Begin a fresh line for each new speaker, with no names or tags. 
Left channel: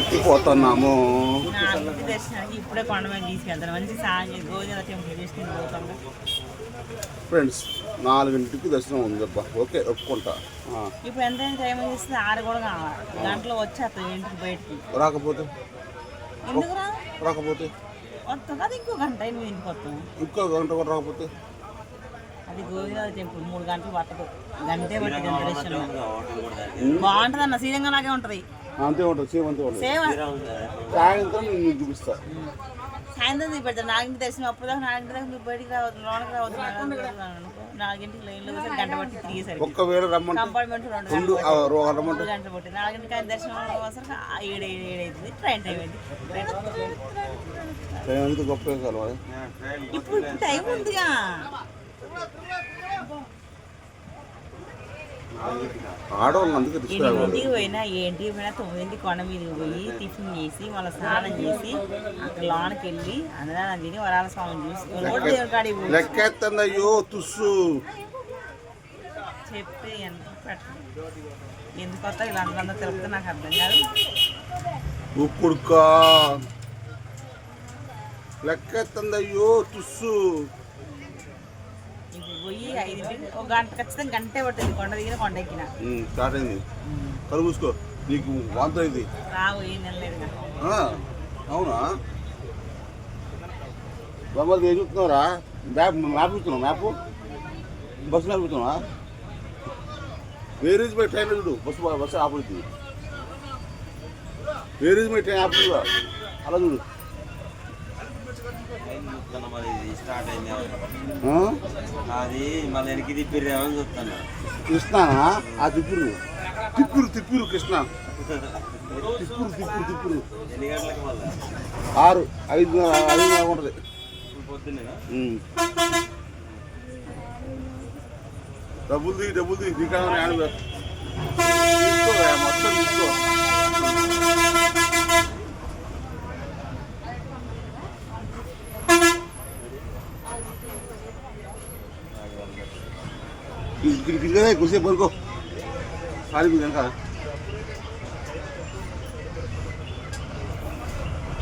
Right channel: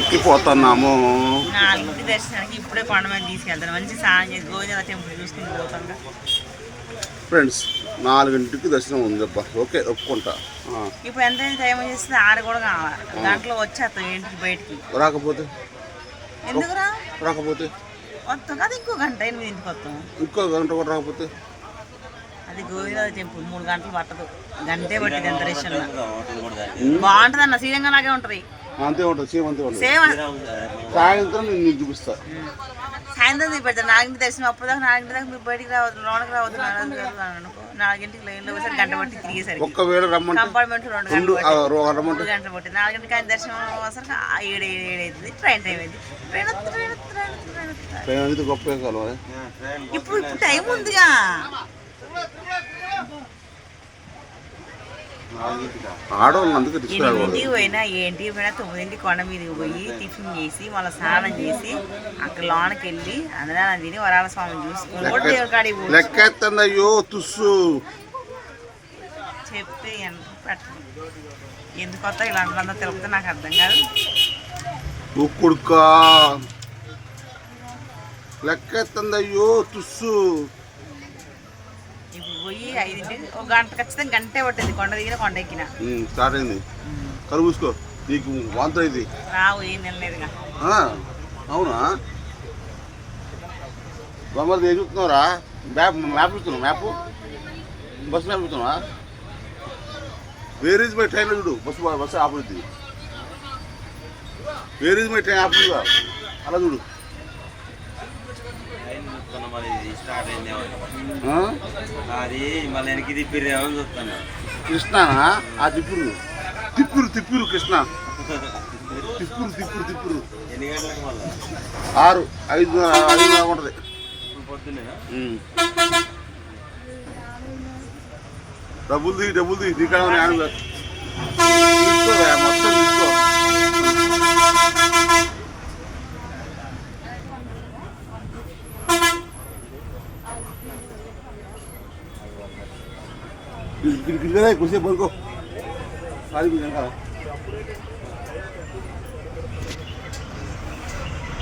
ఎక్కిపోతున్నాము
నాలుగు దర్శనానికి ఇప్పుడే కొండ మీద తీసుకెళ్తాను. మంచి స్నానం చేసి గోవింద టెంపుల్ చూసుకుని పోతాను
ఫ్రెండ్స్ నాలుగింటికి దర్శనం ఉందబ్బా. ఓకే ఒప్పుకుంటా.
ఇప్పుడు ఎంత టైం చేస్తే ఆరు కూడా కావాలి. గంటలో వచ్చేస్తాం ఇంటికి బయటికి.
రాకపోతే?
ఎందుకురా
రాకపోతే?
వస్తాం. కదా ఇంకో గంట ఎనిమిదింటికి వస్తాం.
ఇంకో గంట కూడా రాకపోతే?
అది గోవింద టెంపుల్. మూడు గంటలు పట్టదు. గంటే పట్టింది ఎంత దర్శనం. బాగుంటుంది అన్న శ్రీరంగం లాగే ఉంటుంది.
అంతే ఉంటుంది సేమ్ అంతే ఉంటుంది.
సేమ్.
సాయంత్రం నేను నీకు చూపిస్తా.
సాయంత్రం చూపెడతాను నాలుగింటి దర్శనం అప్పుడు దాకా నాలుగింటి దాకా మీరు బయటికి రావద్దు లోనకి రావద్దు నాలుగింటికి లైన్లో వచ్చేసరికి గంట పట్టి తిరిగేసరికి.
ఒక్కవేళ రమ్మంటే
కంపార్ట్మెంట్ రెండు గంటలు పట్టి-
రమ్మంటే
మూడు గంటలు పట్టింది నాలుగింటికి ఆయన దర్శనం అవసరం ఏడు ఏడు ఏడు అవుతుంది ట్రైన్ టైం అయింది. ట్రైన్
అనేది గొప్ప
ఇప్పుడు ఇప్పుడు టైం ఉందిగా. ఎనిమిదింటికి పోయినా ఏంటికి పోయినా తొమ్మిదింటికి కొండ మీదకి పోయి టిఫిన్ చేసి మళ్ళీ స్నానం చేసి అక్కడ లోనకి వెళ్ళి అందరం తిని వరాల స్వామిని చూసుకుని
అయ్యో తుస్సు.
పెట్టండి ఎందుకు కొత్త ఇలాంటివంతా తెలిపితే నాకు అర్థం కాదు.
ఉక్కుడుకా లెక్కెత్తండి అయ్యో తుస్సు.
ఇప్పుడు పోయి ఐదింటికి ఒక గంట ఖచ్చితంగా గంటే పట్టింది. కొండ దిగిన కొండ ఎక్కిన.
స్టార్ట్ అయింది. నీకు వాంత ఇది
రావు ఏం తినలేదుగా.
అవునా? ఏం చూస్తున్నావురా? మ్యాప్ మ్యాప్ చూస్తున్నావు మ్యాప్? బస్ మ్యాప్ చూస్తున్నావా? వేర్ మై ట్రైన్ చూడు. బస్సు బస్సు ఆపుద్ది. వేర్ ఈజ్ మై ట్రైన్ ఆపు అలా చూడు
చూస్తున్నా మరి ఇది స్టార్ట్ అయిందేమో
ఆ?
అది మళ్ళీ వెనక్కి తిప్పిరేమో అని చూస్తున్నా.
కృష్ణనా? ఆ తిప్పురు తిప్పురు తిప్పురు కృష్ణ. తిప్పురు తిప్పురు తిప్పురు
ఎన్ని గంటలకు మళ్ళీ?
ఆరు ఐదు ఐదు ఉంటుంది.
పొద్దున్నేనా.
డబ్బులు ది డబ్బులు ది నీకాడ ఉన్నాయి ఆడ తీసుకోరా మొత్తం తీసుకో. ఇక్కడ ఇక్కడ కుర్చీ పడుకో ఖాళీ